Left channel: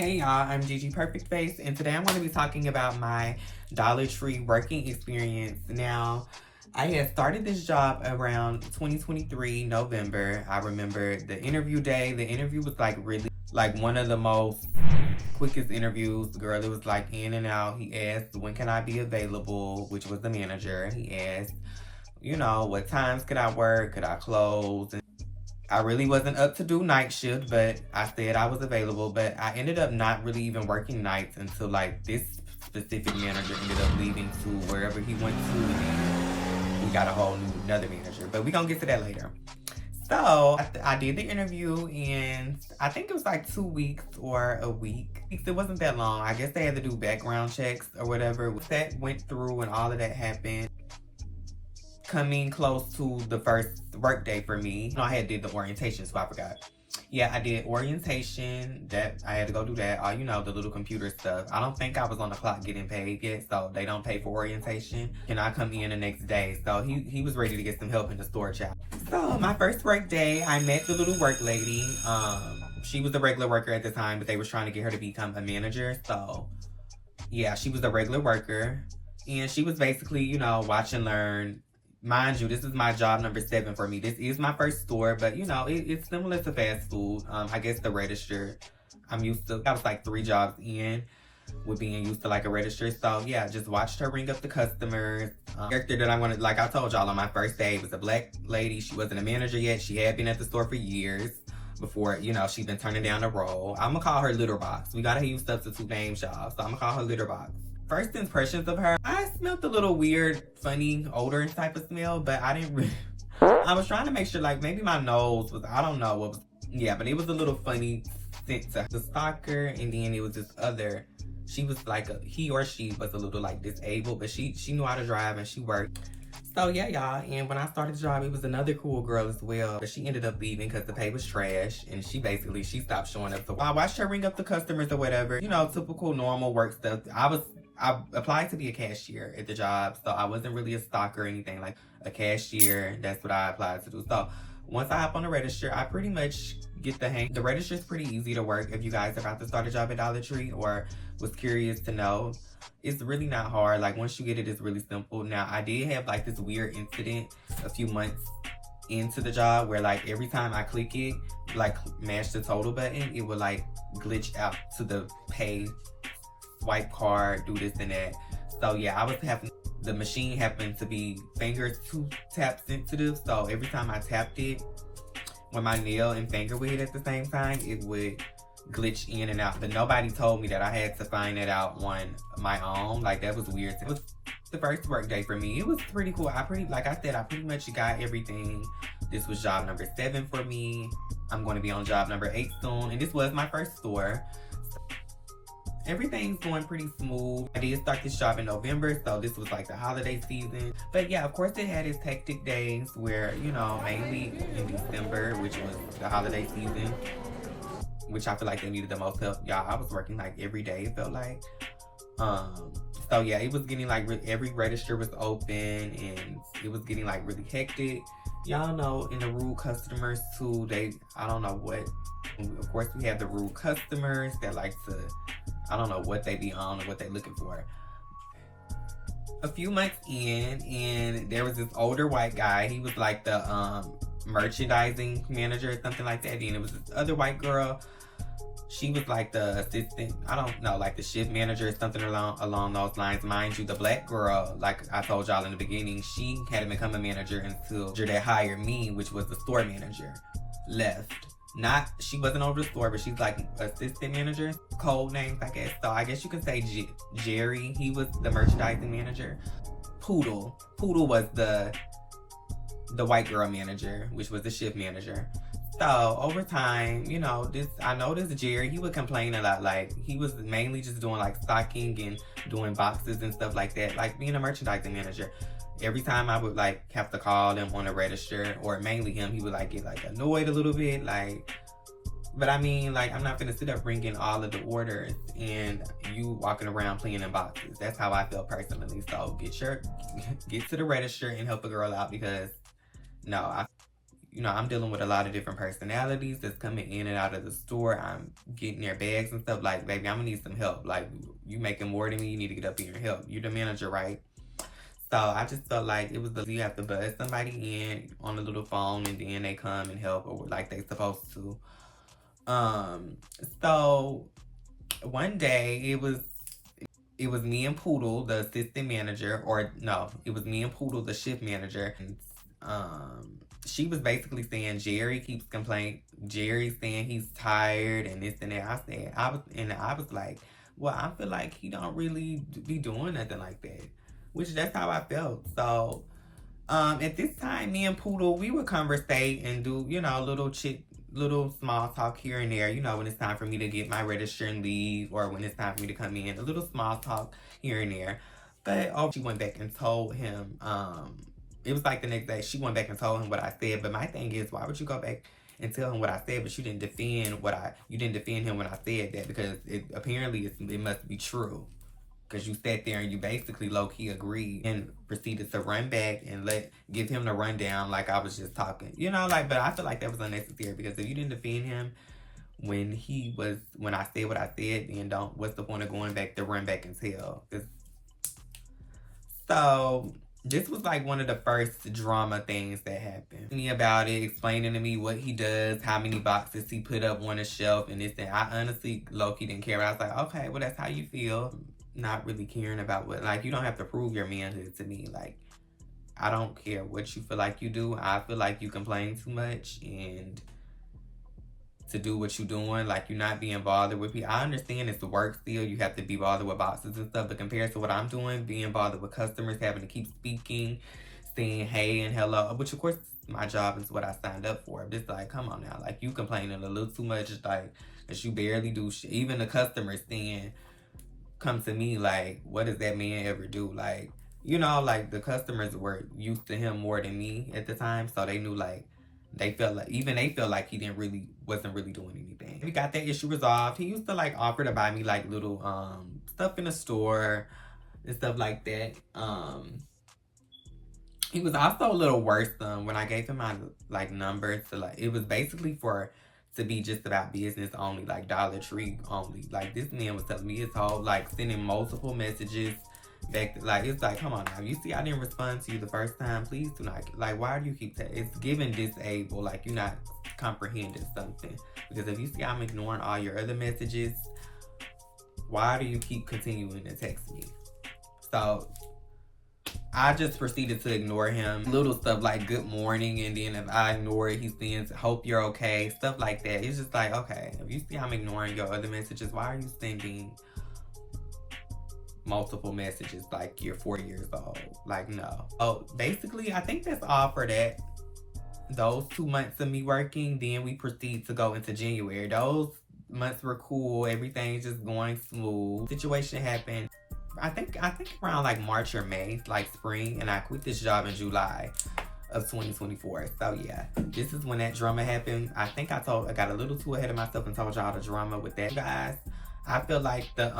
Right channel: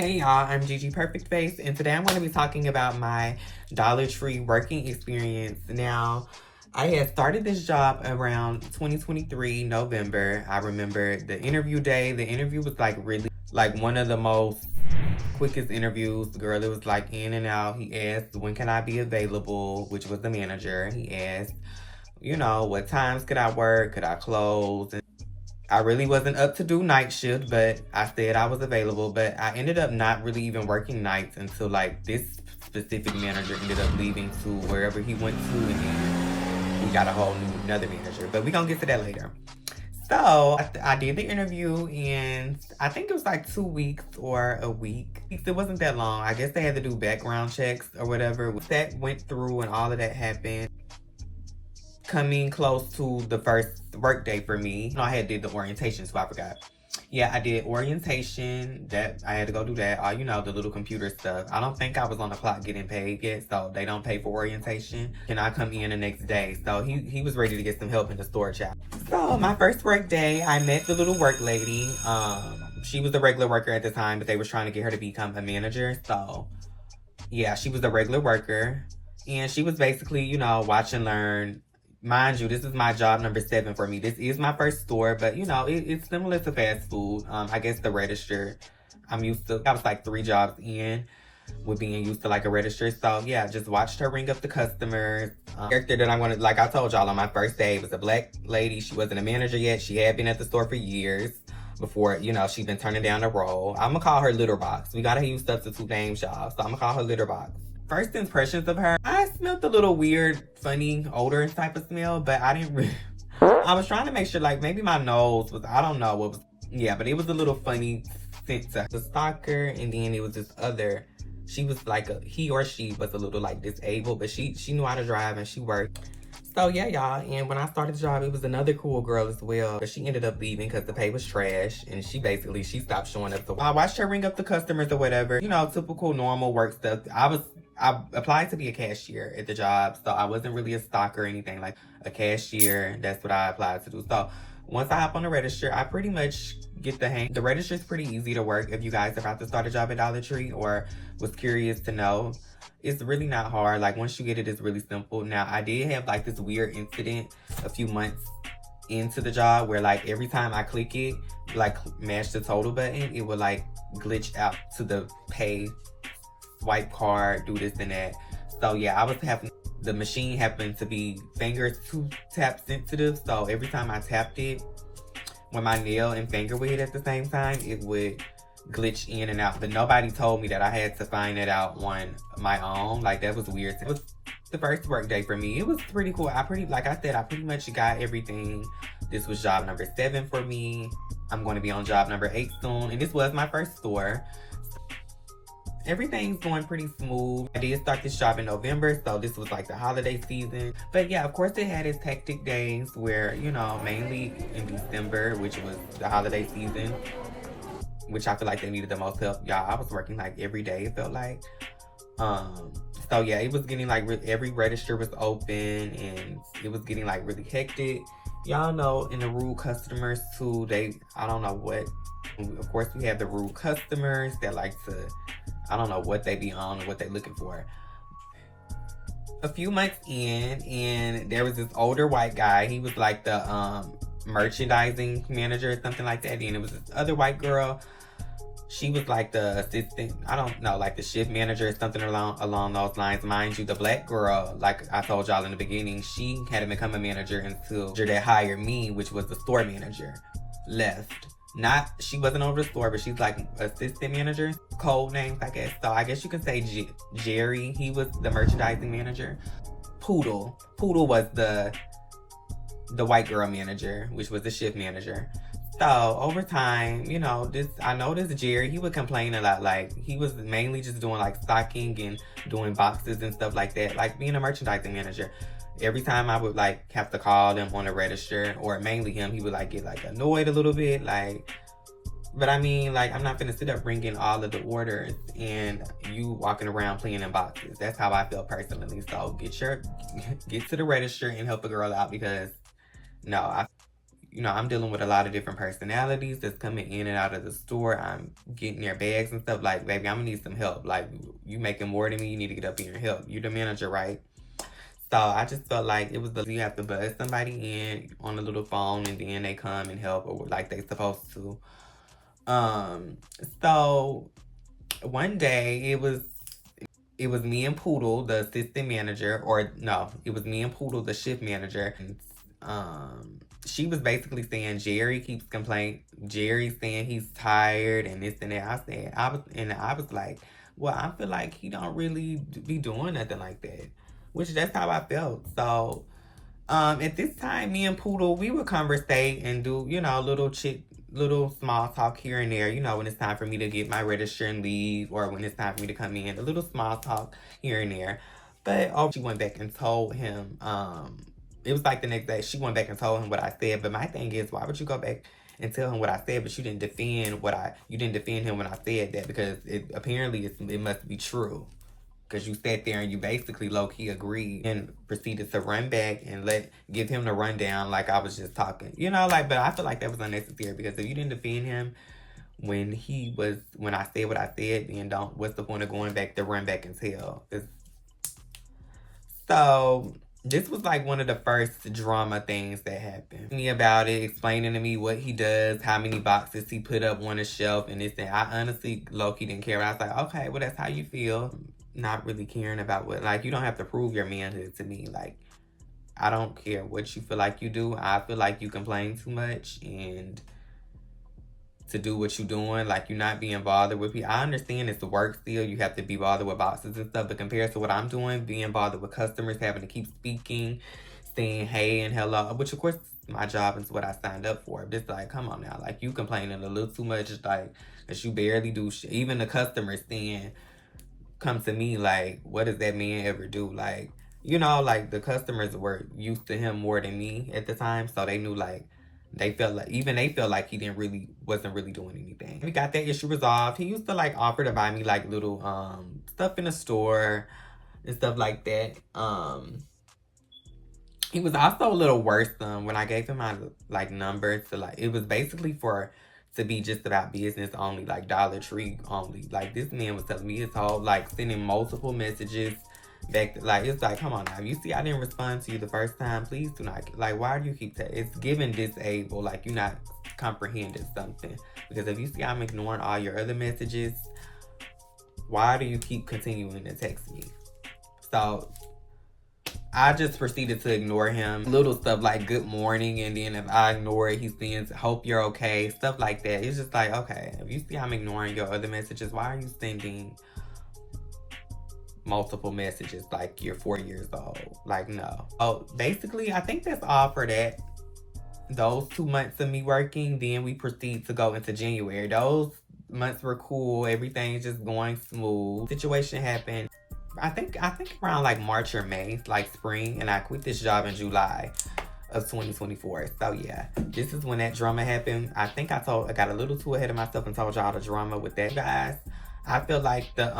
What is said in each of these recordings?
Hey y'all, I'm Gigi Perfectface, and today I'm going to be talking about my Dollar Tree working experience. Now, I had started this job around 2023 November. I remember the interview day. The interview was really one of the most quickest interviews. Girl, it was like in and out. He asked, when can I be available, which was the manager. He asked, what times could I work? Could I close? I really wasn't up to do night shift, but I said I was available. But I ended up not really even working nights until this specific manager ended up leaving to wherever he went to, and then we got another manager. But we gonna get to that later. So I did the interview, and I think it was like 2 weeks or a week. It wasn't that long. I guess they had to do background checks or whatever. That went through and all of that happened. Coming close to the first work day for me, I had did the orientation, so I forgot. Yeah, I did orientation. That I had to go do that. All the little computer stuff. I don't think I was on the clock getting paid yet, so they don't pay for orientation. And I come in the next day, so he was ready to get some help in the store shop. So my first work day, I met the little work lady. She was a regular worker at the time, but they was trying to get her to become a manager. So yeah, she was a regular worker, and she was basically watch and learn. Mind you, this is my job number 7 for me. This is my first store, but it's similar to fast food. I guess the register, I was like 3 jobs in with being used to like a register. So yeah, just watched her ring up the customers. Character that I wanted, like I told y'all on my first day, was a black lady. She wasn't a manager yet. She had been at the store for years before, she'd been turning down the role. I'm gonna call her Litter Box. We gotta use substitute names, y'all. So I'm gonna call her Litter Box. First impressions of her, I smelled a little weird, funny, odor type of smell, but I didn't really, I was trying to make sure maybe my nose was, I don't know what was, yeah, but it was a little funny scent to her. The stalker, and then it was this other, she was he or she was a little disabled, but she knew how to drive and she worked. So yeah, y'all, and when I started the job, it was another cool girl as well, but she ended up leaving because the pay was trash, and she stopped showing up. So I watched her ring up the customers or whatever, typical normal work stuff. I applied to be a cashier at the job, so I wasn't really a stalker or anything. Like a cashier, that's what I applied to do. So once I hop on the register, I pretty much get the hang. The register is pretty easy to work if you guys are about to start a job at Dollar Tree or was curious to know. It's really not hard. Once you get it, it's really simple. Now, I did have this weird incident a few months into the job where every time I click it, mash the total button, it would glitch out to the pay, swipe card, do this and that. So yeah, I was having, the machine happened to be finger to tap sensitive. So every time I tapped it, when my nail and finger would hit at the same time, it would glitch in and out. But nobody told me that. I had to find that out on my own. That was weird. It was the first work day for me. It was pretty cool. Like I said, I pretty much got everything. This was job number 7 for me. I'm going to be on job number 8 soon. And this was my first store. Everything's going pretty smooth. I did start this job in November, so this was the holiday season. But yeah, of course it had its hectic days where, mainly in December, which was the holiday season, which I feel like they needed the most help. Y'all, I was working every day, it felt like. So yeah, it was getting every register was open, and it was getting really hectic. Y'all know, and the rude customers too, I don't know what, of course we have the rude customers that I don't know what they be on or what they looking for. A few months in, and there was this older white guy. He was the merchandising manager or something like that. And it was this other white girl. She was the assistant, I don't know, the shift manager or something along those lines. Mind you, the black girl, like I told y'all in the beginning, she hadn't become a manager until they hired me, which was the store manager, left. She wasn't over the store, but she's assistant manager, code names, I guess. So I guess you can say Jerry, he was the merchandising manager. Poodle was the white girl manager, which was the shift manager. So over time, I noticed Jerry, he would complain a lot. He was mainly just doing stocking and doing boxes and stuff like that, being a merchandising manager. Every time I would have to call them on the register, or mainly him, he would get annoyed a little bit, but I mean, I'm not gonna sit up bringing all of the orders and you walking around playing in boxes. That's how I feel personally. So get to the register and help a girl out, because no, you know, I'm dealing with a lot of different personalities that's coming in and out of the store. I'm getting their bags and stuff. Like, baby, I'm gonna need some help. Like, you making more than me, you need to get up here and help. You're the manager, right? So I just felt like it was you have to buzz somebody in on a little phone and then they come and help or like they supposed to. So one day it was me and Poodle, the assistant manager, or no, it was me and Poodle, the shift manager. She was basically saying Jerry keeps complaining. Jerry's saying he's tired and this and that. I was like, well, I feel like he don't really be doing nothing like that, which that's how I felt. So, at this time, me and Poodle, we would conversate and do, you know, little small talk here and there, you know, when it's time for me to get my register and leave, or when it's time for me to come in, a little small talk here and there. But she went back and told him, it was like the next day, she went back and told him what I said. But my thing is, why would you go back and tell him what I said, but you didn't defend him when I said that? Because it must be true. Because you sat there and you basically low-key agreed and proceeded to run back and give him the rundown like I was just talking. You know, like, but I feel like that was unnecessary, because if you didn't defend him when I said what I said, then what's the point of going back to run back and tell? So this was like one of the first drama things that happened. Me about it, explaining to me what he does, how many boxes he put up on a shelf and this and I honestly low-key didn't care. I was like, okay, well, that's how you feel. Not really caring about what, like, you don't have to prove your manhood to me. Like, I don't care what you feel like you do. I feel like you complain too much and to do what you're doing, like, you're not being bothered with people. I understand it's the work still. You have to be bothered with boxes and stuff, but compared to what I'm doing, being bothered with customers, having to keep speaking, saying hey and hello, which of course my job is what I signed up for. But it's like, come on now, like, you complaining a little too much, like, that you barely do shit. Even the customers saying, come to me, like, what does that man ever do? Like, you know, like, the customers were used to him more than me at the time, so they knew, like, they felt like he wasn't really doing anything. We got that issue resolved. He used to, like, offer to buy me, like, little stuff in the store and stuff like that. He was also a little worse when I gave him my, like, number to, like, it was basically to be just about business only, like Dollar Tree only. Like, this man was telling me his whole, like, sending multiple messages back to, like, it's like, come on now, you see I didn't respond to you the first time, please do not, like, why do you keep it's giving disabled, like, you're not comprehending something. Because if you see I'm ignoring all your other messages, why do you keep continuing to text me? So I just proceeded to ignore him. Little stuff like good morning, and then if I ignore it, he sends hope you're okay, stuff like that. It's just like, okay, if you see I'm ignoring your other messages, why are you sending multiple messages like you're 4 years old? Like, no. Oh, basically, I think that's all for that. Those 2 months of me working, then we proceed to go into January. Those months were cool. Everything's just going smooth. Situation happened, I think around like March or May, like spring, and I quit this job in July of 2024. So yeah, this is when that drama happened. I think I got a little too ahead of myself and told y'all the drama with that, guys. I feel like the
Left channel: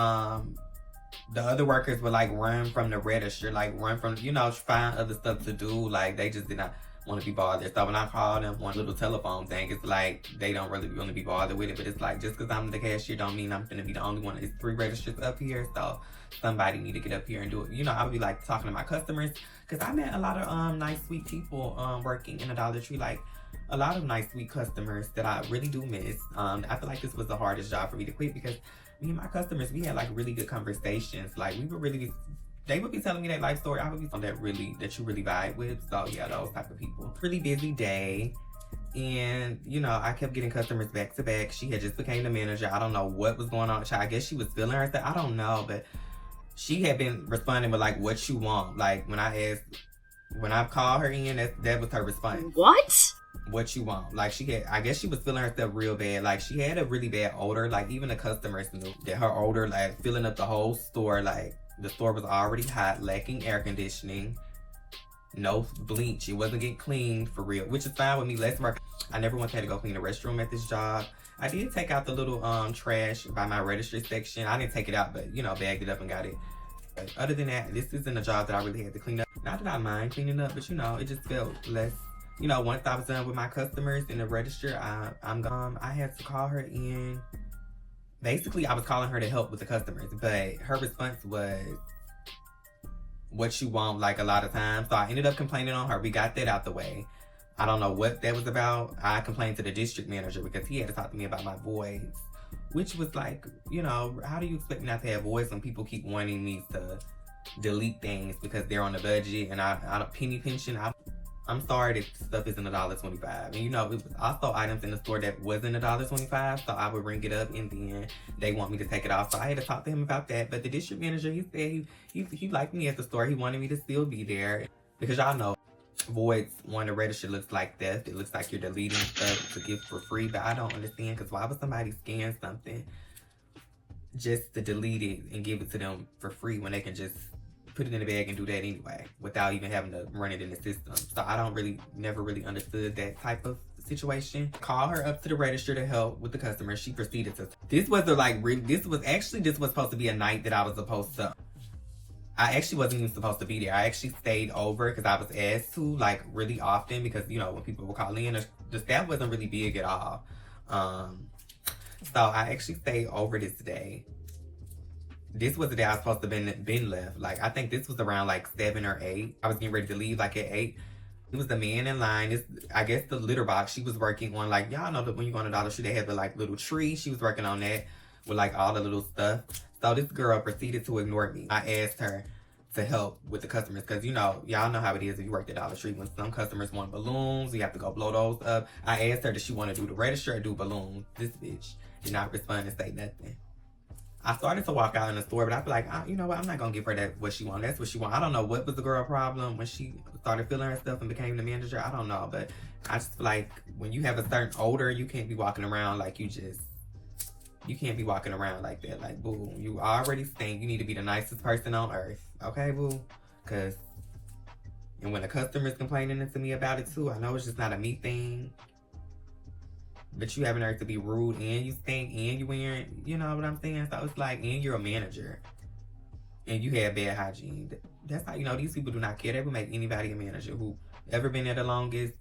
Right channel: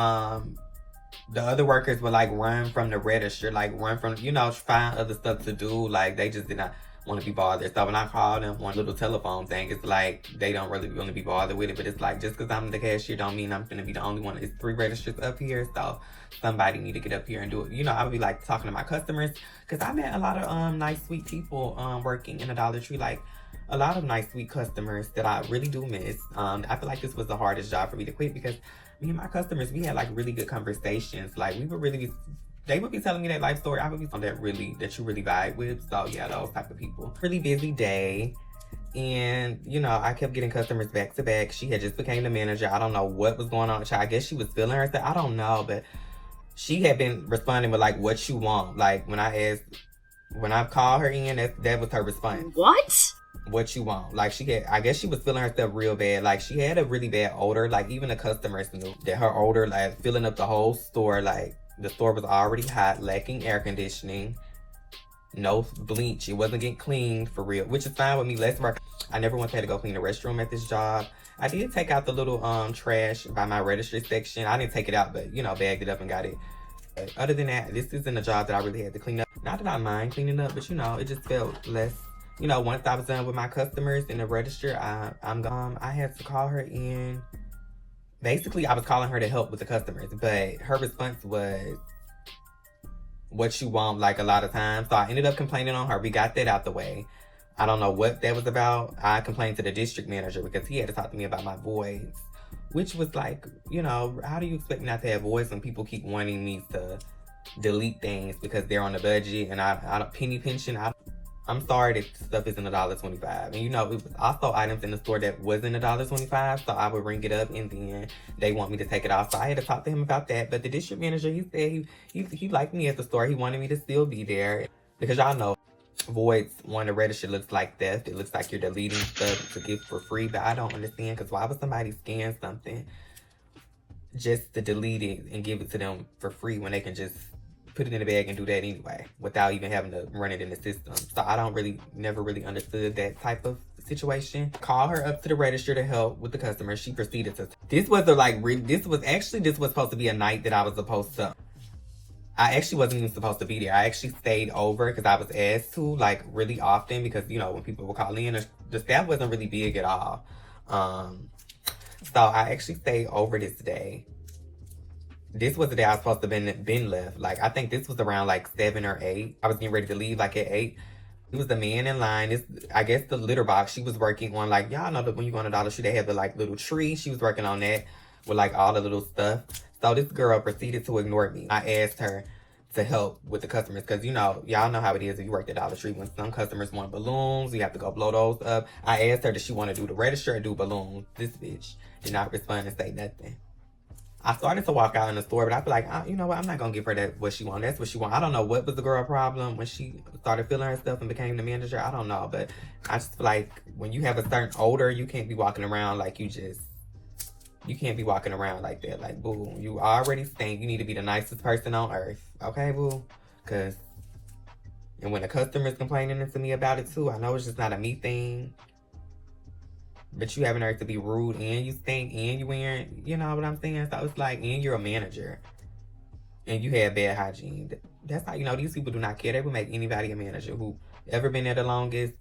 other workers would like run from the register, like run from, you know, find other stuff to do. Like, they just did not want to be bothered. So when I called them on a little telephone thing, it's like they don't really want to be bothered with it. But it's like, just because I'm the cashier don't mean I'm gonna be the only one. It's 3 registers up here, so somebody need to get up here and do it. You know, I would be like talking to my customers, because I met a lot of nice, sweet people working in a Dollar Tree. Like, a lot of nice, sweet customers that I really do miss. I feel like this was the hardest job for me to quit, because me and my customers, we had like really good conversations. Like, they would be telling me their life story. I would be someone that you really vibe with. So yeah, those type of people. Really busy day. And, you know, I kept getting customers back to back. She had just became the manager. I don't know what was going on with her. I guess she was feeling herself. I don't know, but she had been responding with like, what you want. Like, when I called her in, that was her response. What? What you want. Like, I guess she was feeling herself real bad. Like, she had a really bad odor. Like, even the customers knew that her odor, like, filling up the whole store. Like, the store was already hot, lacking air conditioning, no bleach. It wasn't getting cleaned for real, which is fine with me. Less work. I never once had to go clean the restroom at this job. I did take out the little trash by my registry section. I didn't take it out, but, you know, bagged it up and got it. But other than that, this isn't a job that I really had to clean up. Not that I mind cleaning up, but, you know, it just felt less you know, once I was done with my customers in the register, I had to call her in. Basically, I was calling her to help with the customers, but her response was, what you want, like, a lot of times. So I ended up complaining on her. We got that out the way. I don't know what that was about. I complained to the district manager because he had to talk to me about my voice, which was like, you know, how do you expect me not to have voice when people keep wanting me to delete things because they're on the budget and I don't penny pension. I'm sorry that stuff isn't $1.25. And you know, it was also items in the store that wasn't $1.25, so I would ring it up and then they want me to take it off. So I had to talk to him about that. But the district manager, he said he liked me at the store. He wanted me to still be there because y'all know voids on the register looks like theft. It looks like you're deleting stuff to give for free, but I don't understand because why would somebody scan something just to delete it and give it to them for free when they can just put it in the bag and do that anyway without even having to run it in the system? So I never really understood that type of situation. Call her up to the register to help with the customer. She proceeded to, this was supposed to be a night that I was supposed to, I actually wasn't even supposed to be there. I actually stayed over because I was asked to, like, really often because, you know, when people would call in, the staff wasn't really big at all. So I actually stayed over this day. This was the day I was supposed to have been left. Like, I think this was around like 7 or 8. I was getting ready to leave like at 8. It was the man in line. I guess the litter box she was working on. Like, y'all know that when you go on a Dollar Tree, they have the like little tree. She was working on that with like all the little stuff. So this girl proceeded to ignore me. I asked her to help with the customers because, you know, y'all know how it is if you work at Dollar Tree. When some customers want balloons, you have to go blow those up. I asked her, does she want to do the register or do balloons? This bitch did not respond and say nothing. I started to walk out in the store, but I feel like, you know what, I'm not going to give her that what she wants. That's what she wants. I don't know what was the girl problem when she started feeling herself and became the manager. I don't know, but I just feel like when you have a certain odor, you can't be walking around like you can't be walking around like that. Like, boo, you already stink. You need to be the nicest person on earth. Okay, boo? And when the customer's complaining to me about it too, I know it's just not a me thing. But you having her to be rude and you stink and you wearing, you know what I'm saying? So it's like, and you're a manager and you have bad hygiene. That's how, you know, these people do not care. They would make anybody a manager who ever been there the longest.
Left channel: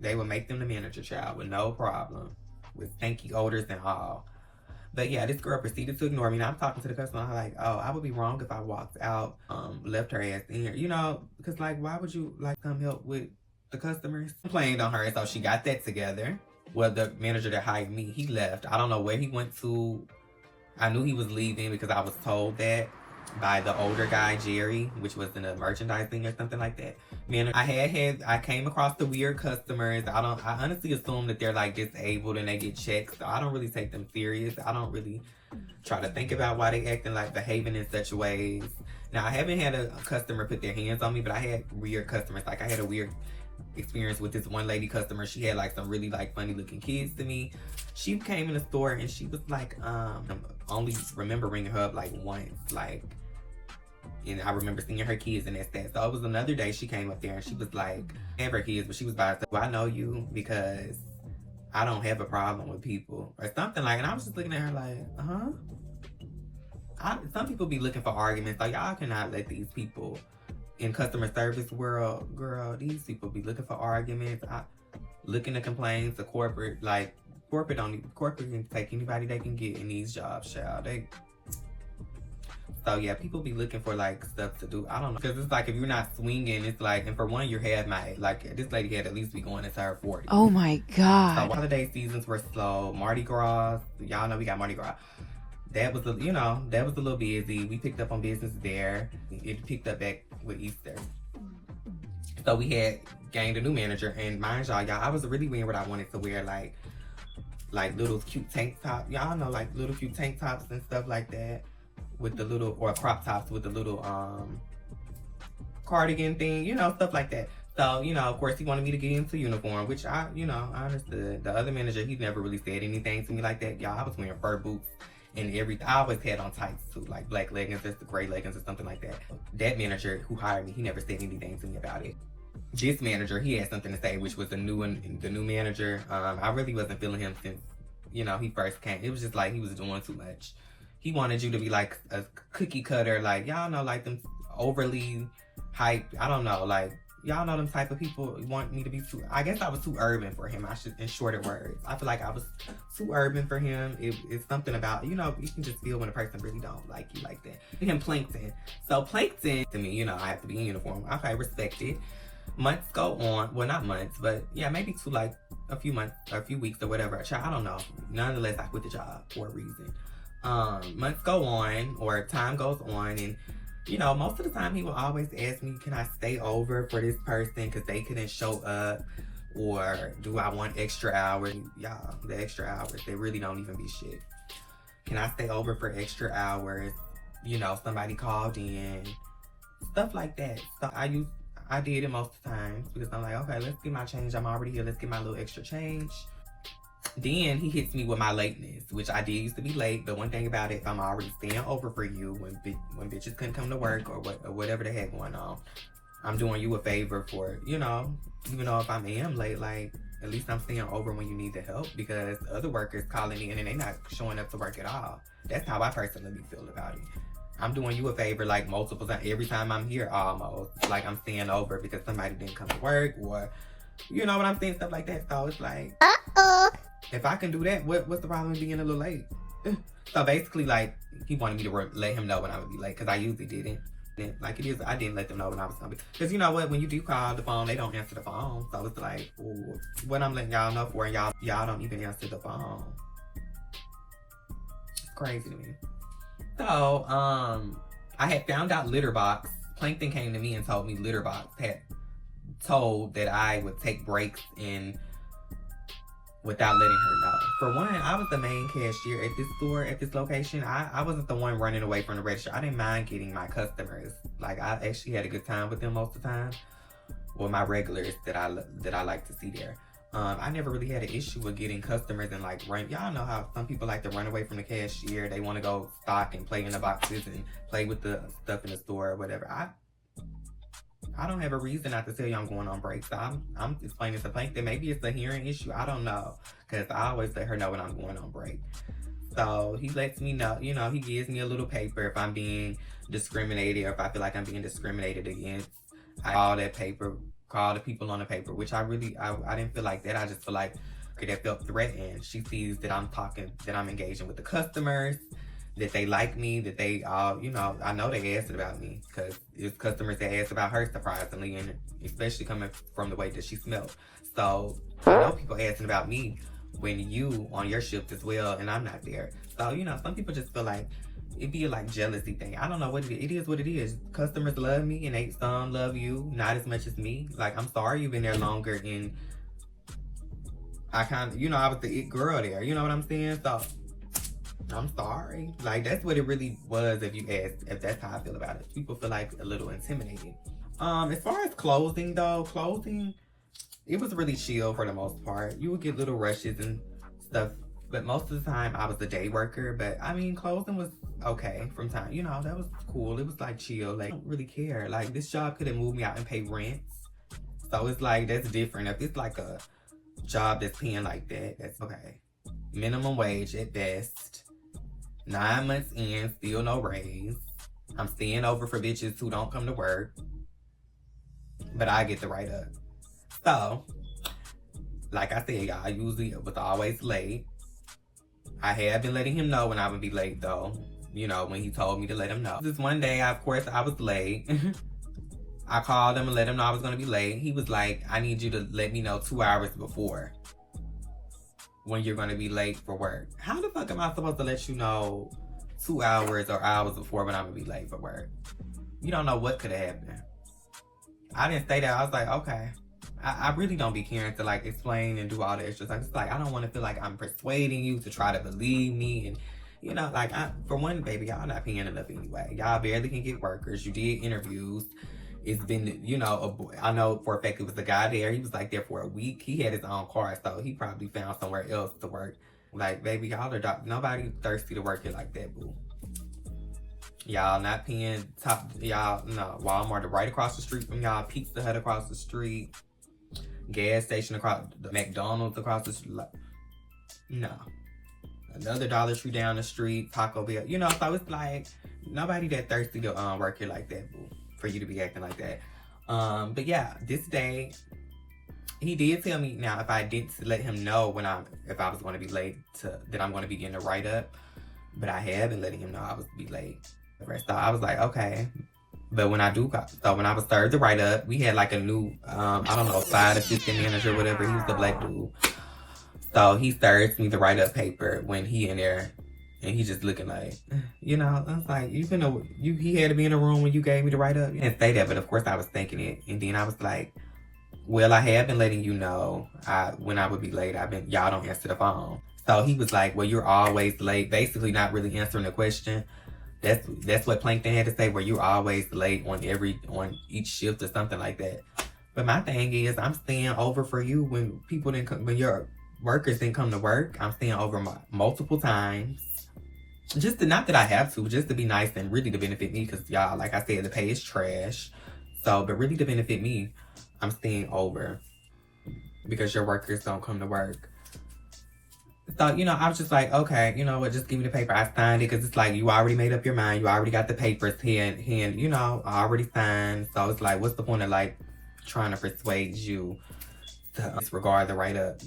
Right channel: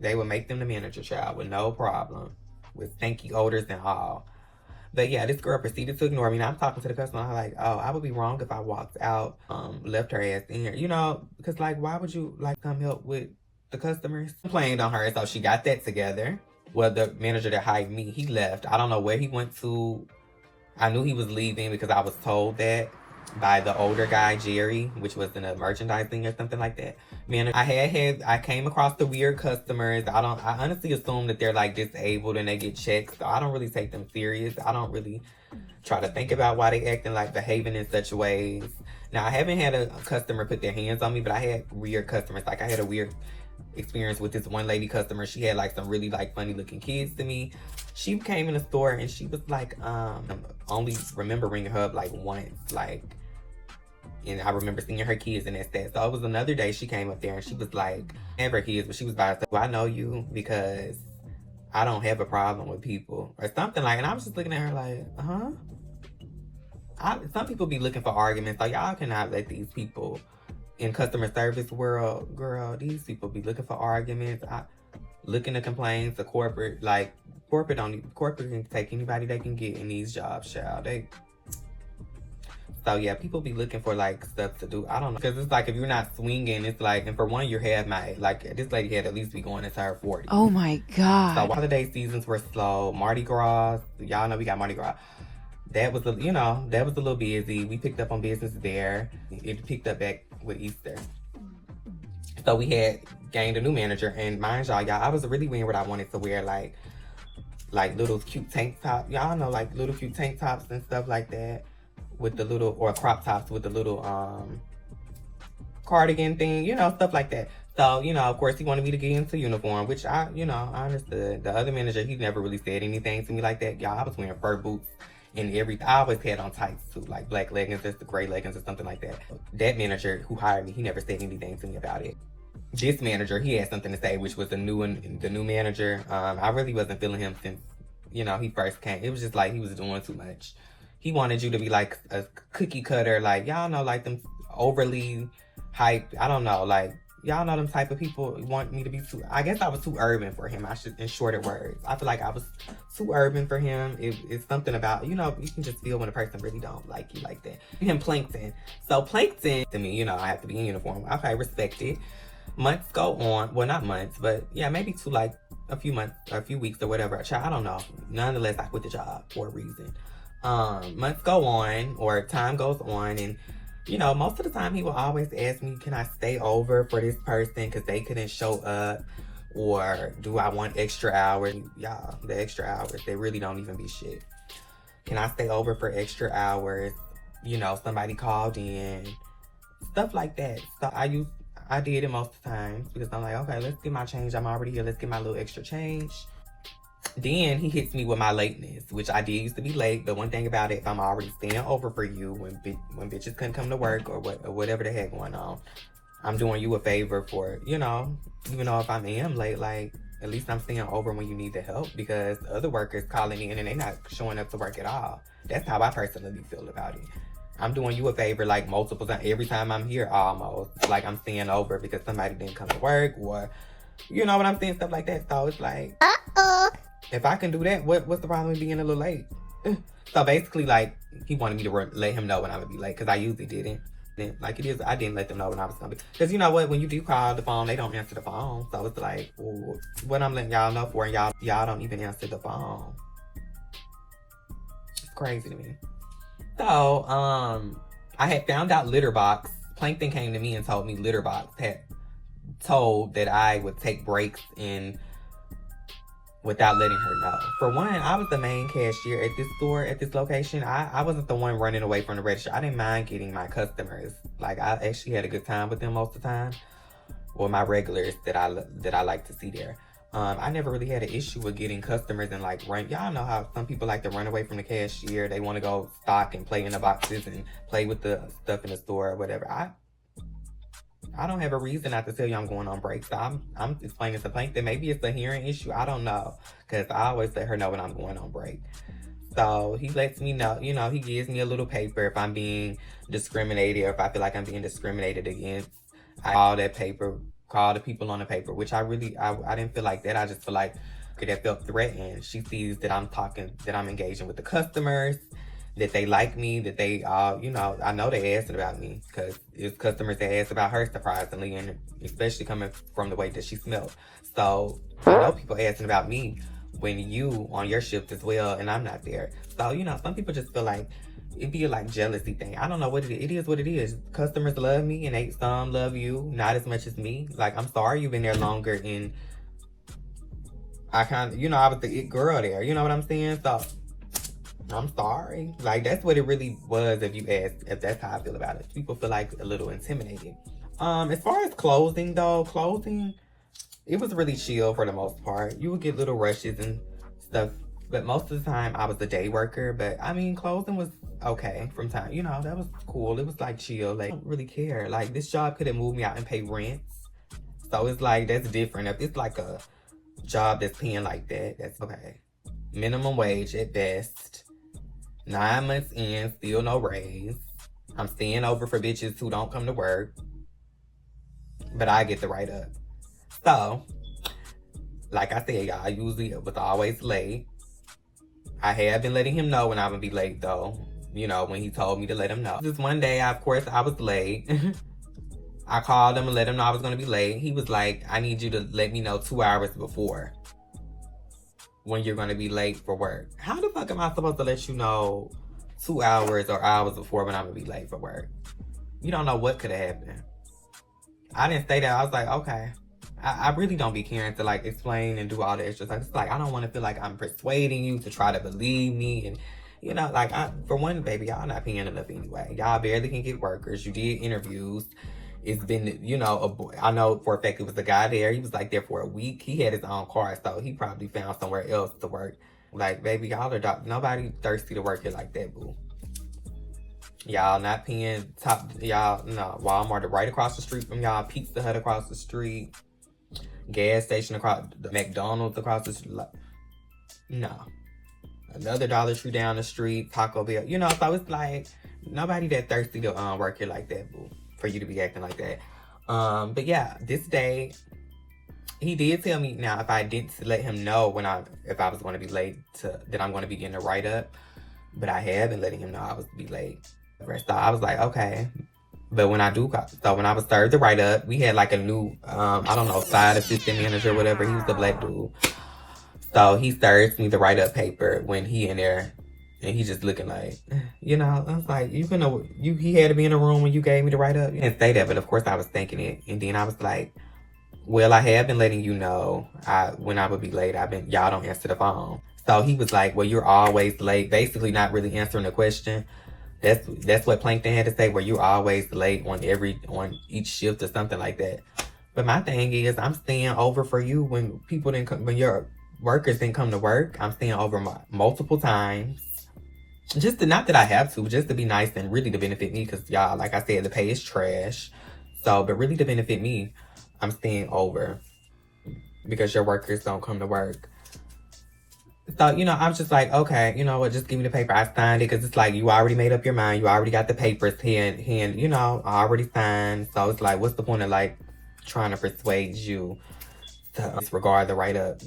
They would make them the manager, child, with no problem. With stinky odors and all. But yeah, this girl proceeded to ignore me. And I'm talking to the customer. I'm like, oh, I would be wrong if I walked out, left her ass in here. You know, because like, why would you like come help with the customers? Complained on her, so she got that together. Well, the manager that hired me, he left. I don't know where he went to. I knew he was leaving because I was told that by the older guy, Jerry, which was in a merchandising or something like that. Man, I came across the weird customers. I honestly assume that they're like disabled and they get checked, so I don't really take them serious. I don't really try to think about why they acting like behaving in such ways. Now, I haven't had a customer put their hands on me, but I had weird customers. Like, I had a weird experience with this one lady customer. She had like some really like funny looking kids to me. She came in the store and she was like, only remember ringing her up like once, like, and I remember seeing her kids and that's that. So it was another day she came up there and she was like, I have her kids, but she was about to say, well, I know you because I don't have a problem with people or something like, and I was just looking at her like, some people be looking for arguments. Like, y'all cannot let these people in customer service world, girl, these people be looking for arguments, looking to complain to corporate. Like, corporate can take anybody they can get in these jobs, child. So yeah, people be looking for like stuff to do. I don't know, because it's like if you're not swinging, it's like, and for one, you're half my, like this lady had at least be going into her 40s. Oh my God. So holiday seasons were slow. Mardi Gras, y'all know we got Mardi Gras. That was, you know, that was a little busy. We picked up on business there. It picked up back with Easter. So we had gained a new manager, and mind y'all, I was really wearing what I wanted to wear, like little cute tank top. Y'all know, like little cute tank tops and stuff like that. With the little, or crop tops with the little cardigan thing, you know, stuff like that. So, you know, of course he wanted me to get into uniform, which I understood. The other manager, he never really said anything to me like that. Y'all, I was wearing fur boots and everything. I always had on tights too, like black leggings, just the gray leggings or something like that. That manager who hired me, he never said anything to me about it. This manager, he had something to say, which was the new manager. I really wasn't feeling him since, you know, he first came. It was just like he was doing too much. He wanted you to be like a cookie cutter, like, y'all know, like them overly hyped, I don't know, like, y'all know them type of people want me to be too, I guess I was too urban for him. I should, in shorter words. I feel like I was too urban for him. It's something about, you know, you can just feel when a person really don't like you like that. Him Plankton. So Plankton, to me, you know, I have to be in uniform. Okay, respect it. Months go on. Well, not months, but yeah, maybe to like a few months or a few weeks or whatever. I don't know. Nonetheless, I quit the job for a reason. Months go on, or time goes on, and you know, most of the time he will always ask me, can I stay over for this person because they couldn't show up, or do I want extra hours? Y'all, the extra hours, they really don't even be shit. Can I stay over for extra hours? You know, somebody called in, stuff like that. So I did it most of the time because I'm like, okay, let's get my change. I'm already here. Let's get my little extra change. Then he hits me with my lateness, which I did used to be late. But one thing about it, if I'm already staying over for you when bitches couldn't come to work or whatever the heck going on, I'm doing you a favor for, you know, even though if I am late, like, at least I'm staying over when you need the help, because other workers calling in and they not showing up to work at all. That's how I personally feel about it. I'm doing you a favor like multiple times. Every time I'm here, almost. Like I'm staying over because somebody didn't come to work, or, you know what I'm saying? Stuff like that. So it's like, if I can do that, what's the problem with being a little late? So basically, like, he wanted me to let him know when I would be late, because I usually didn't. Then, like it is, I didn't let them know when I was gonna be. Because you know what? When you do call the phone, they don't answer the phone. So it's like, well, what I'm letting y'all know for, and y'all don't even answer the phone. It's crazy to me. So, I had found out Litterbox. Plankton came to me and told me Litterbox had told that I would take breaks and without letting her know. For one, I was the main cashier at this store, at this location. I wasn't the one running away from the register. I didn't mind getting my customers. Like, I actually had a good time with them most of the time. Or my regulars that I like to see there. I never really had an issue with getting customers and like run. Y'all know how some people like to run away from the cashier. They want to go stock and play in the boxes and play with the stuff in the store or whatever. I don't have a reason not to tell you I'm going on break. So I'm explaining to Plankton. Maybe it's a hearing issue. I don't know. Because I always let her know when I'm going on break. So he lets me know, you know, he gives me a little paper if I'm being discriminated, or if I feel like I'm being discriminated against. I call that paper, call the people on the paper, which I didn't feel like that. I just feel like that felt threatened. She sees that I'm engaging with the customers, that they like me, that they, you know, I know they asked about me, because it's customers that asked about her, surprisingly, and especially coming from the way that she smelled. So I know people asking about me when you on your shift as well, and I'm not there. So, you know, some people just feel like it'd be like jealousy thing. I don't know what it is. It is what it is. Customers love me, and some love you, not as much as me. Like, I'm sorry you've been there longer, and I kind of, you know, I was the it girl there. You know what I'm saying? So I'm sorry. Like, that's what it really was, if that's how I feel about it. People feel like a little intimidated. As far as closing, it was really chill for the most part. You would get little rushes and stuff, but most of the time I was a day worker. But I mean, closing was okay from time. You know, that was cool. It was like chill. Like, I don't really care. Like, this job could have moved me out and pay rent. So it's like, that's different. If it's like a job that's paying like that, that's okay. Minimum wage at best. 9 months in, still no raise. I'm staying over for bitches who don't come to work. But I get the write up. So, like I said, y'all, I usually was always late. I have been letting him know when I would be late, though. You know, when he told me to let him know. This one day, of course, I was late. I called him and let him know I was going to be late. He was like, I need you to let me know 2 hours before when you're going to be late for work. How the fuck am I supposed to let you know 2 hours or hours before when I'm going to be late for work? You don't know what could have happened. I didn't say that. I was like, okay. I really don't be caring to like explain and do all the extra stuff. It's like, I don't want to feel like I'm persuading you to try to believe me. And, you know, like, for one, baby, y'all not paying enough anyway. Y'all barely can get workers. You did interviews. It's been, you know, I know for a fact it was a guy there. He was like there for a week. He had his own car, so he probably found somewhere else to work. Like, baby, y'all are nobody thirsty to work here like that, boo. Y'all not paying y'all, no, Walmart right across the street from y'all, Pizza Hut across the street, gas station across, the McDonald's across the street. Like, no. Another Dollar Tree down the street, Taco Bell. You know, so it's like, nobody that thirsty to work here like that, boo, for you to be acting like that. But yeah, this day, he did tell me now if I didn't let him know if I was going to be late that I'm going to be getting a write-up. But I have been letting him know I was be late. So I was like, okay. But when I was served the write-up, we had like a new, I don't know, side assistant manager or whatever. He was the black dude. So he serves me the write-up paper when he in there. And he just looking like, you know, I was like, he had to be in the room when you gave me the write-up. He didn't say that, but of course I was thinking it. And then I was like, well, I have been letting you know when I would be late. Y'all don't answer the phone. So he was like, well, you're always late. Basically not really answering the question. That's what Plankton had to say, where you're always late on each shift or something like that. But my thing is, I'm staying over for you when when your workers didn't come to work. I'm staying over multiple times. Not that I have to, just to be nice and really to benefit me. Because y'all, like I said, the pay is trash. So, but really to benefit me, I'm staying over because your workers don't come to work. So, you know, I was just like, okay, you know what, just give me the paper. I signed it because it's like, you already made up your mind. You already got the papers hand, you know, I already signed. So it's like, what's the point of like trying to persuade you to disregard the write-up?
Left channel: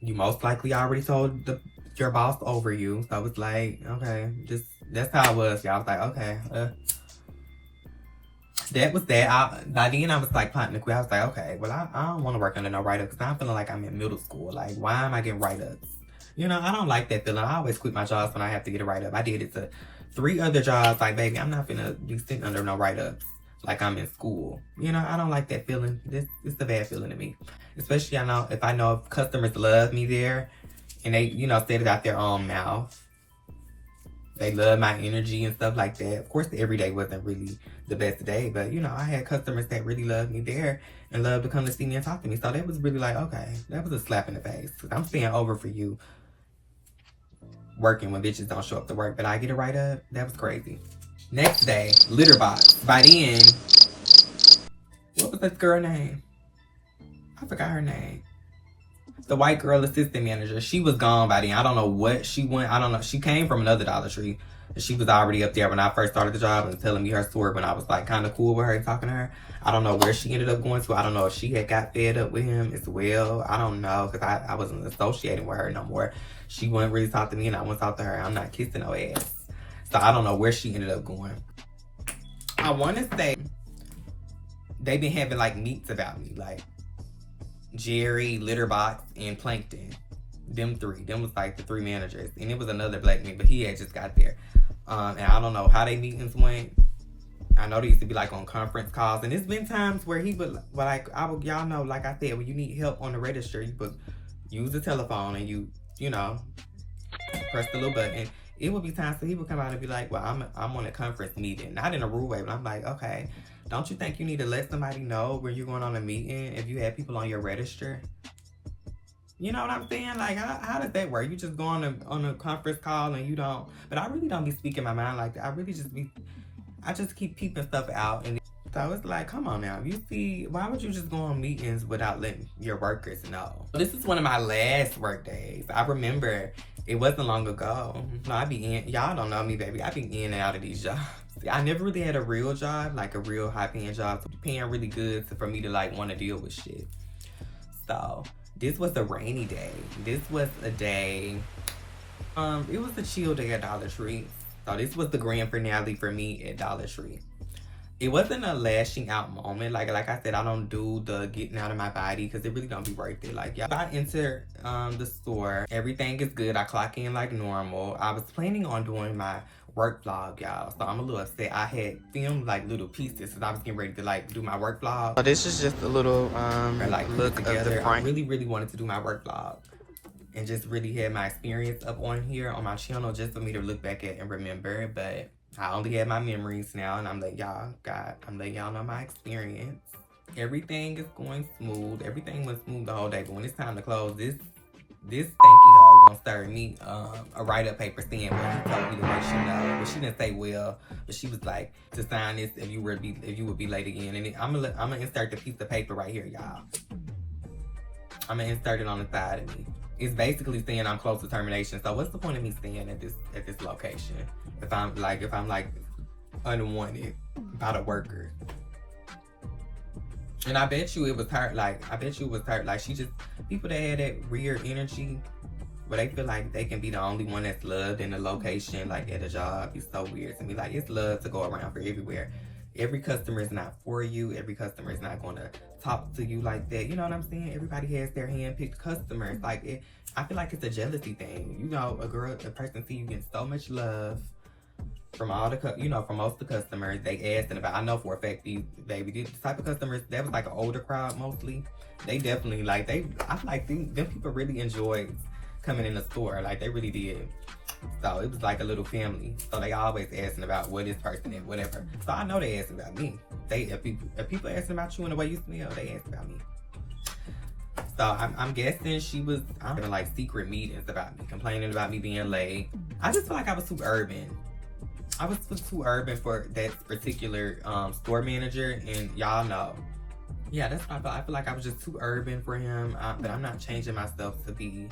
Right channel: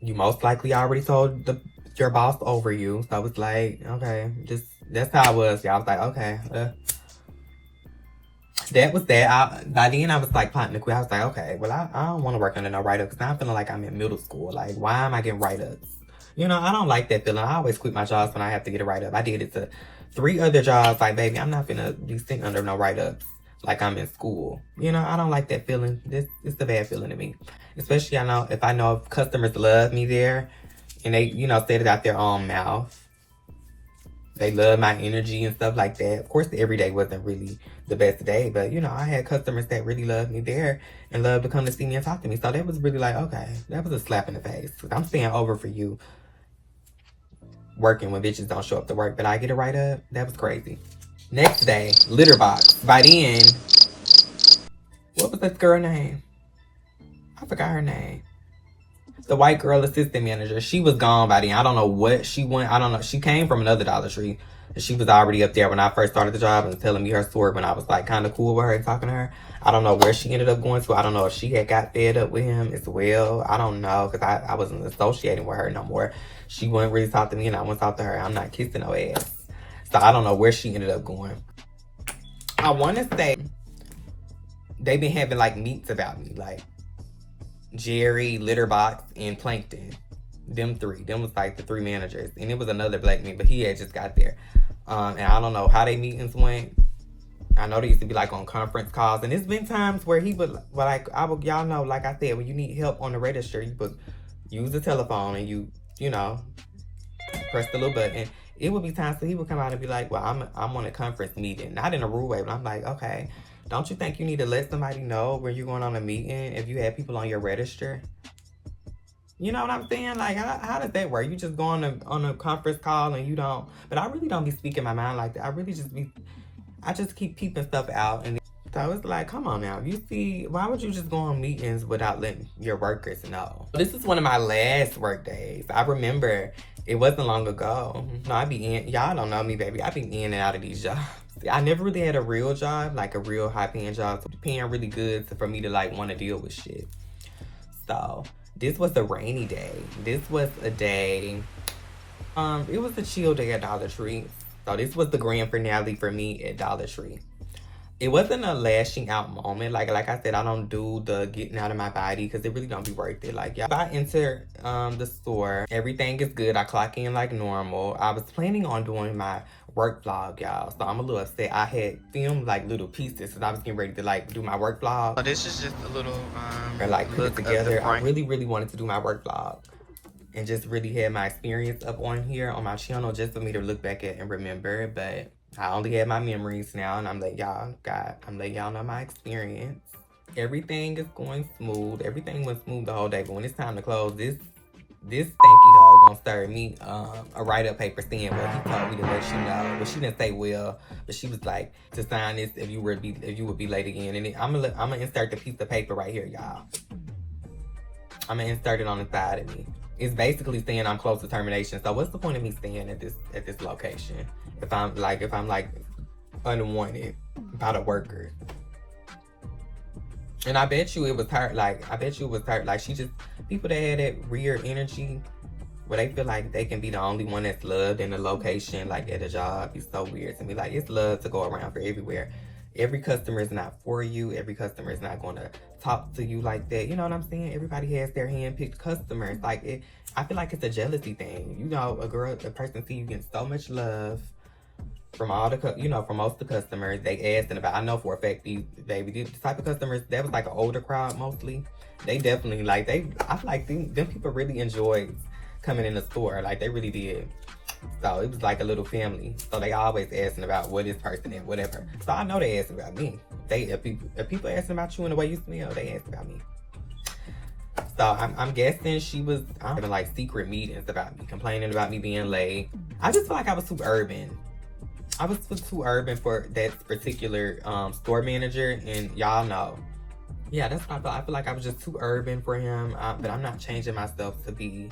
You most likely already told your boss over you. So it's like, okay, that's how it was. Y'all was like, okay, that was that. By then I was like plotting to quit. I was like, okay, well, I don't want to work under no write-up because I'm feeling like I'm in middle school. Like, why am I getting write-ups? You know, I don't like that feeling. I always quit my jobs when I have to get a write-up. I did it to 3 other jobs. Like, baby, I'm not finna be sitting under no write-ups like I'm in school. You know, I don't like that feeling. It's a bad feeling to me. Especially, if I know if customers love me there and they, you know, said it out their own mouth. They love my energy and stuff like that. Of course, every day wasn't really the best day, but, you know, I had customers that really loved me there and loved to come to see me and talk to me. So that was really like, okay, that was a slap in the face. I'm staying over for you working when bitches don't show up to work, but I get it right up. That was crazy. Next day, litter box. By then, what was this girl name? I forgot her name. The white girl assistant manager. She was gone by then. I don't know what she went. I don't know. She came from another Dollar Tree. She was already up there when I first started the job and telling me her story when I was like kind of cool with her and talking to her. I don't know where she ended up going to. I don't know if she had got fed up with him as well. I don't know because I wasn't associating with her no more. She wouldn't really talk to me and I wouldn't talk to her. I'm not kissing no ass. So I don't know where she ended up going. I want to say they've been having like meets about me. Like Jerry, Litterbox, and Plankton. Them 3. Them was like the 3 managers. And it was another black man, but he had just got there. And I don't know how they meetings went. I know they used to be like on conference calls. And there's been times where he would, y'all know, like I said, when you need help on the register, you would use the telephone and you know, press the little button. It would be times that he would come out and be like, well, I'm on a conference meeting. Not in a rude way, but I'm like, okay, don't you think you need to let somebody know when you're going on a meeting if you have people on your register? You know what I'm saying? Like, how does that work? You just go on a conference call and you don't, but I really don't be speaking my mind like that. I just keep peeping stuff out. And so it's like, come on now. You see, why would you just go on meetings without letting your workers know? This is one of my last work days. I remember it wasn't long ago. No, I be in, y'all don't know me, baby. I be in and out of these jobs. I never really had a real job, like a real high paying job. So paying really good for me to like want to deal with shit. So this was a rainy day. This was a day, it was a chill day at Dollar Tree. So this was the grand finale for me at Dollar Tree. It wasn't a lashing out moment. Like I said, I don't do the getting out of my body because it really don't be worth it. Like, y'all, I enter the store. Everything is good. I clock in like normal. I was planning on doing my work vlog, y'all. So I'm a little upset. I had filmed like little pieces because I was getting ready to like do my work vlog. So this is just a little or like look together. I really wanted to do my work vlog and just really had my experience up on here on my channel just for me to look back at and remember. But I only have my memories now, and I'm letting y'all know my experience. Everything is going smooth. Everything went smooth the whole day. But when it's time to close, this stinky hoe gonna serve me a write-up paper saying, well, he told me to let you know. Well, she didn't say well, but she was like to sign this if you would be late again. And I'm gonna insert the piece of paper right here, y'all. I'm gonna insert it on the side of me. It's basically saying I'm close to termination. So what's the point of me staying at this location if I'm like unwanted by the workers? And I bet you it was her, like, she just, people that had that weird energy where they feel like they can be the only one that's loved in the location, like at a job. It's so weird to me. Like, it's love to go around for everywhere. Every customer is not for you. Every customer is not going to talk to you like that. You know what I'm saying? Everybody has their hand-picked customers. Like, I feel like it's a jealousy thing. You know, a person see you getting so much love from all the, from most of the customers. They asking about, I know for a fact, these type of customers, that was like an older crowd mostly. They definitely, like, I feel like them people really enjoyed coming in the store. Like, they really did. So it was like a little family. So they always asking about what this person is, whatever. So I know they asking about me. If people asking about you and the way you smell, they ask about me. So I'm guessing she was having like secret meetings about me, complaining about me being late. I just feel like I was too urban. I was too urban for that particular store manager, and y'all know. Yeah, that's what I feel. I feel like I was just too urban for him, but I'm not changing myself to be,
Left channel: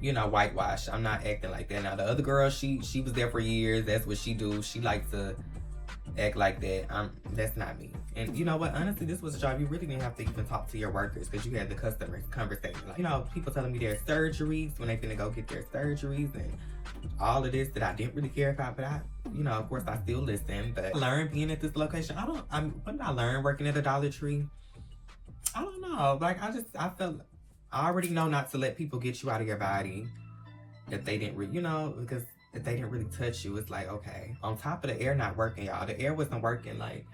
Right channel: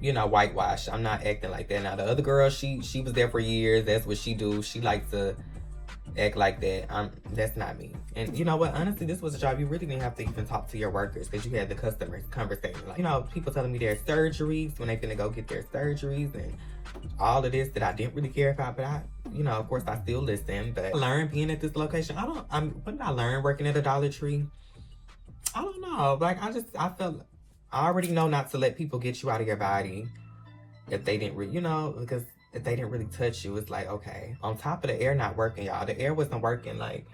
whitewashed. I'm not acting like that. Now, the other girl, she was there for years. That's what she do. She likes to act like that. That's not me. And you know what? Honestly, this was a job you really didn't have to even talk to your workers, because you had the customers conversation. Like, people telling me their surgeries when they finna go get their surgeries and all of this that I didn't really care about. But of course, I still listen. But I learned being at this location. What did I learn working at a Dollar Tree? I don't know. Like, I already know not to let people get you out of your body if they didn't because if they didn't really touch you. It's like, okay. On top of the air not working, y'all. The air wasn't working, like,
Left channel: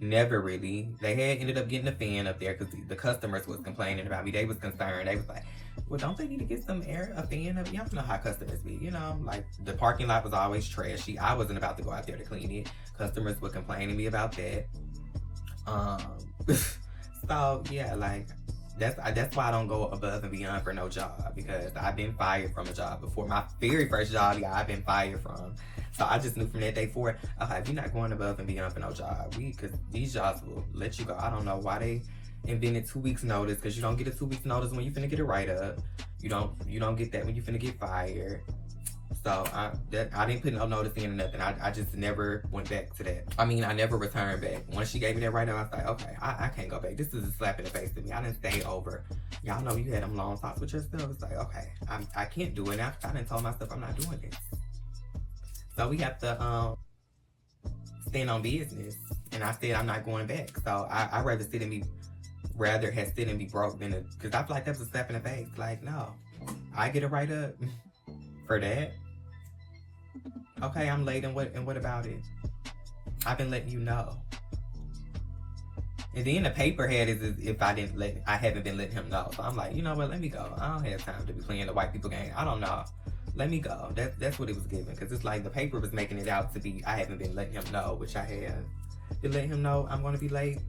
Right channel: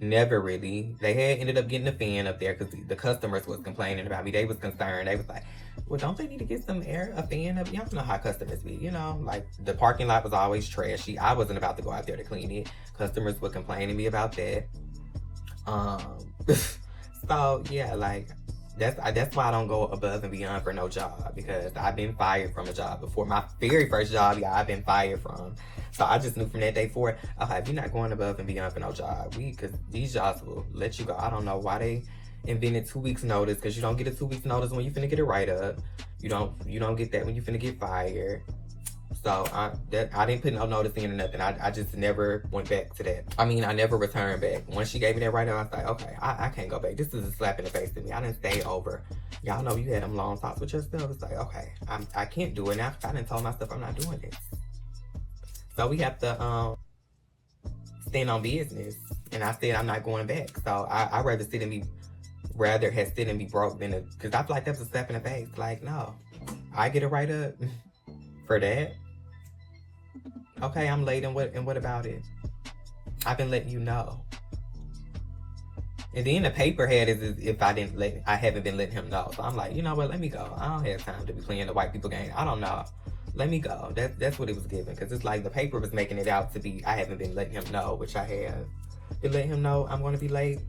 never really. They had ended up getting a fan up there because the customers was complaining about me. They was concerned. They was like, well, don't they need to get a fan up? Y'all know how customers be, like, the parking lot was always trashy. I wasn't about to go out there to clean it. Customers would complain to me about that. So yeah, like, that's why I don't go above and beyond for no job, because I've been fired from a job before. My very first job, I've been fired from. So I just knew from that day forward, okay, if you're not going above and beyond for no job, because these jobs will let you go. I don't know why they invented 2 weeks notice, because you don't get a 2 weeks notice when you finna get a write-up. You don't get that when you finna get fired. So I didn't put no notice in or nothing. I just never went back to that. I never returned back. Once she gave me that write-up, I was like, okay, I can't go back. This is a slap in the face to me. I didn't stay over. Y'all know you had them long talks with yourself. It's like, okay, I can't do it now. I didn't tell myself I'm not doing this. So we have to stand on business. And I said I'm not going back. So I'd rather have sit and be broke than because I feel like that was a slap in the face. Like, no, I get a write-up for that. Okay, I'm late, and what about it? I've been letting you know. And then the paper had is if I haven't been letting him know. So I'm like, you know what? Let me go. I don't have time to be playing the white people game. I don't know. Let me go. That's what it was given, because it's like the paper was making it out to be I haven't been letting him know, which I have been letting him know I'm going to be late.